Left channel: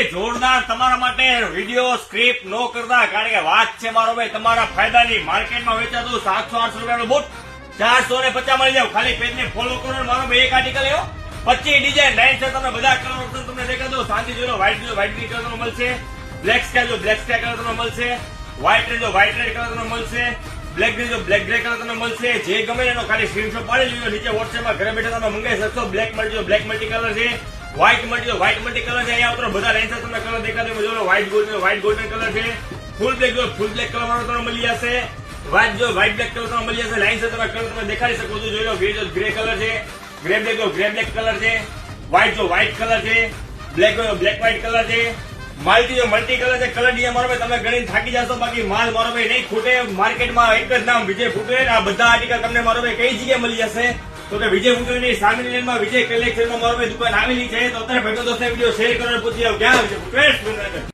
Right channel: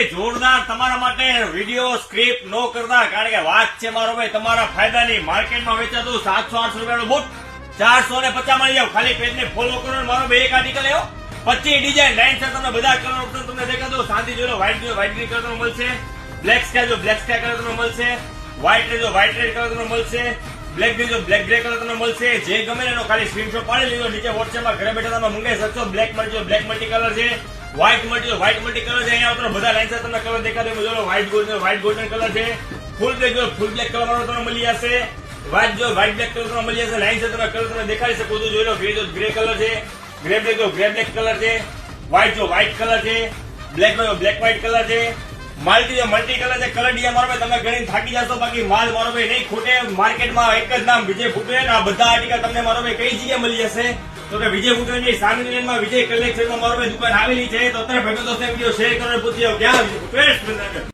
ભાઈ જોરદાર તમારા માટે વિડીયો સ્ક્રિપ્ટ નો કરતા, કારણ કે વાત છે મારો ભાઈ તમારા ફાયદાની. માર્કેટમાં વેચાતું 700-800 રૂપિયાનો બૂટ 450 મળી જાવ. ખાલી પેજને ફોલો કરો ને મારો ભાઈ એક આર્ટિકલ એવો 25 ડિઝાઇન લાઈન છે. તમને બધા કલર ઓપ્શન તમને દેખાડો. શાંતિ જોઈ લો. વ્હાઇટ ગ્રીન કલર તમને મળશે, બ્લેક સ્કાય જો બ્લેક સ્કાય કલર તમને મળશે, વ્હાઇટ રેડ જો વ્હાઇટ રેડ કલર તમને મળશે, બ્લેક ગ્રે જો બ્લેક ગ્રે કલર તમને મળશે. જે ગમે એનો ખાલી સ્ક્રીનશોટ પાડી લેજો. નીચે વોટ્સએપમાં ઘરે બેઠા તમે મંગાવી શકશો. બ્લેક મળી જો બ્લેક મલ્ટી કલર છે, વ્હાઇટ મળી જો વ્હાઇટ મલ્ટી કલર છે. અહીંયા ઉતરો બધા લાઈન તમને કલર દેખાડો. જો વ્હાઇટ ગોલ્ડન કલર છે, ફૂલ બ્લેક જો ફૂલ બ્લેક કલર વાળો તમને મળી જશે. વ્હાઇટ જો વ્હાઇટ બ્લેક કલર તમને મળી જશે. લાઈન તમે કલર તમે દેખાડી શકો છો. જોઈ લો ગ્રે કલર છે, ગ્રે બ્લેક જો ગ્રે બ્લેક કલર છે, વ્હાઇટ જો વ્હાઇટ કલર છે, બ્લેક જો બ્લેક વ્હાઇટ કલર છે, મલ્ટી કલર છે. કલર ડીએ મારો ભાઈ તમે ગણીને થાકી જશો. બાકી માલ મારો ભાઈ નહીં ખૂટે. માર્કેટમાં એક જ નામ વિજય ફૂટવેર. આ બધા આર્ટિકલ તમને મારો ભાઈ કઈ જગ્યાએ મળી જશે તો કે વિજય ફૂટવેર ની સામેની લાઈનમાં વિજય કલેક્શનમાં મારો ભાઈ દુકાન આવેલી છે. તો અત્યારે ભેગો દોસ્તો વિડીયો શેર કરો, પૂછી ક્યાં વિજય ફૂટવેર.